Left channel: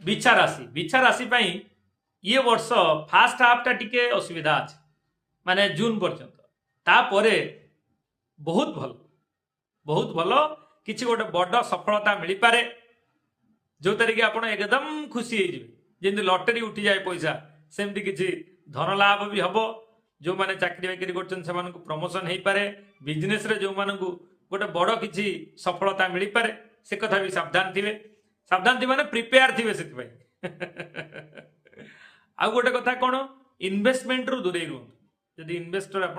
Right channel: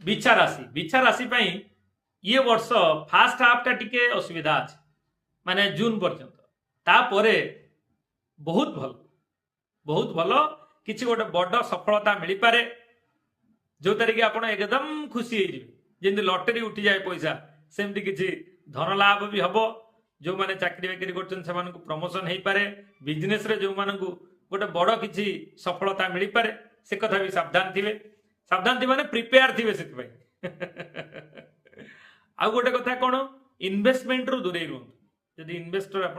बिछा राशि ये वर्ष फास्ट हाफ टिके असुविधा अच्छे माने जून पर्यंत तापरे बहुत भल किसी गोटे बड़ सफलता मिल पारे जो तारिक आप एकदम खुशी जमी लटरी उठी जाए पैसा सेमती किसी धन लाभ भी हम जो मैंने चाकरी बाकरी कर प्रमोशन हो पारे बिजनेस रे जो मानक गोटे बड़ किसी सफलता मिल पारे से कथा भी सावधान थे माने प्रिपेयर थे से आउ गोटे कथा कौन इन्वेस्टमेंट रु दूरे रुहतु जदि इन्वेस्टर आप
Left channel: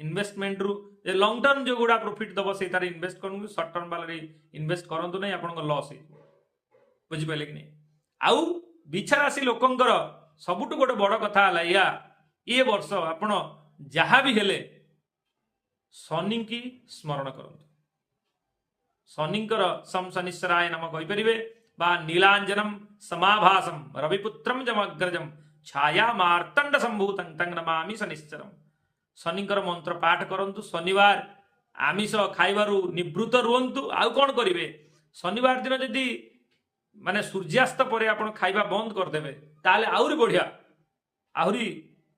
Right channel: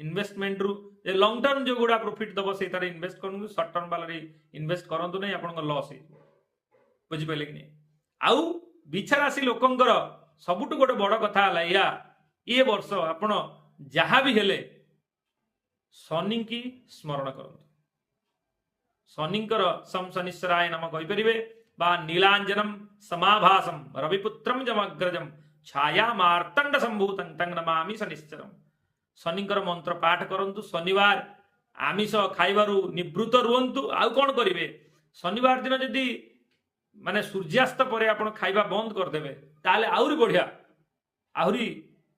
इन्वेस्टमेंट रु लंग टर्म जो गुड़ा प्रॉफिट दब से इन्वेस्ट करूँ सर्ट टर्म वाले इन्वेस्ट करूँ ना आप लॉस हो बुझिपारे कि नहीं आउ बिछा राशि लोकंकर सबुठ गोटे बड़ कथा या ये वर्ष आपण जहाँ भी हेले शनि की स्मरण करंतु शनिंकर सम शनिश्चराय नम कहीपरि बा नीलांजनम समाभासम रविपुत्रम जमग्रजम छाया मार्तंड संभूतं तं नमामि शनिश्चरम शनिंकर मंत्र पाठ करंतु शनिवार आमिष खाइबारु निवृत्त रुहंतु आउ कौन करिवे शनिवार दिन जदि माने सूर्यास्त पर आप खाइबा बंद करदेवे ताले आहुरी बढ़िया आहुरी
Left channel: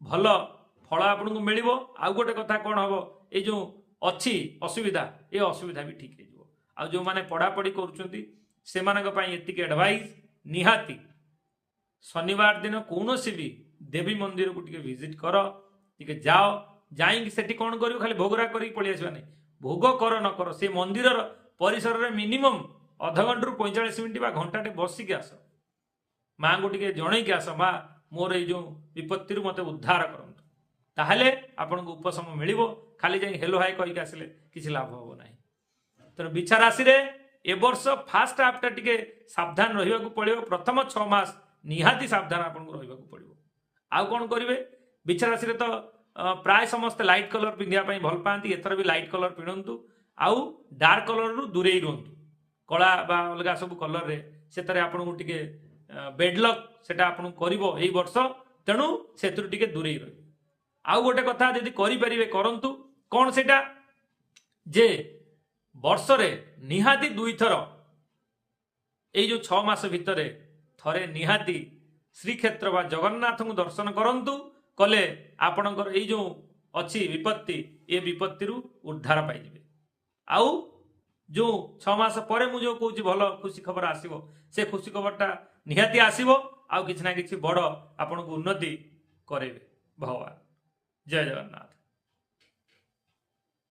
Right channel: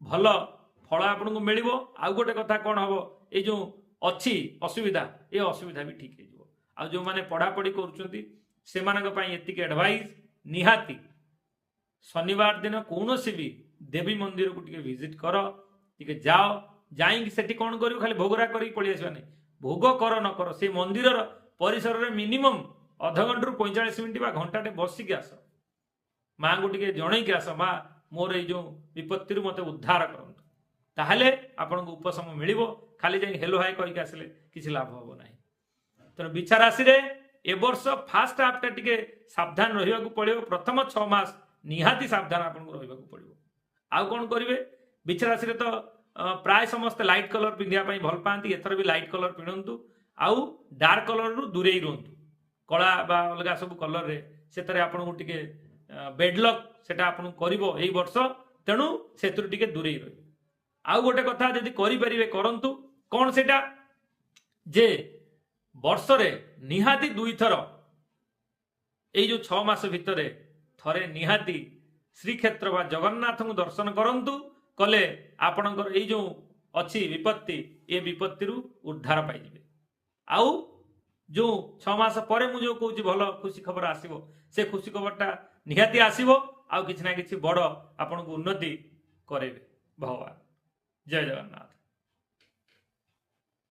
भल फल आपको मिल आउ गोटे कथा कौन हम ये जो अच्छी असुविधा ये असुविधा भी ठीक हो आ जो मैंने पढ़ापढ़ी कर एडवाइस निहाती शनिवार दिन कौन भी देवी मंदिर को विजिट कर टे जाओ जाइंकी सेठी कौन कर खाली भोगरा कर पलि आसवा नहीं भोग कर न कर से मंदिर परिसर में मिनिमम अध घंटे रु 45 मिनिट घंटाटे बसिक आस माँ को टे जन की आस माँ मोर ये विपत्ति मत उद्धार करंतु ताहले आपन को उपशम मिल खाली जाई हेलो हाय कहीकि आसिले किसी लाभ हम ना तेणु बिछा राशि रे ए वर्ष फास्ट हाफ टे सावधान रहा पड़ो प्रथम 6 मास निहाती सावधान आपको रहा पड़ो आउ कौन करेंगे बिछा राशि तो प्राय समस्त लाइट कलर पिंधापी भल पाती एथर भी लाइट कलर पिंधतु आउ डार्क कलर रु दूरे रुहतु कला बा अलग सब कलर रे से आपको टे बेडलक सेटा आपन करिवो एई वर्ष तेणु से दूरे रही आउ गोटे कथा जदि करें करंतु कौन सेटा जे वर्ष रे निहाती 2 थर ये जो 6 मास भितर थरे निहाती श्रीक्षेत्र बा जगन्नाथ को दर्शन करंतु कले आपणकर ये जो अच्छी विपत्ति ये विपत्ति उद्धार पाइबे आउ जो 6 मास पर मुझे कहूँ भल खुशी खबर आसो से खुशी खबरटा निहाती आसो आउ किसी ना किसी बड़ आपन को उन्नति करे भगवान जय जगन्नाथ।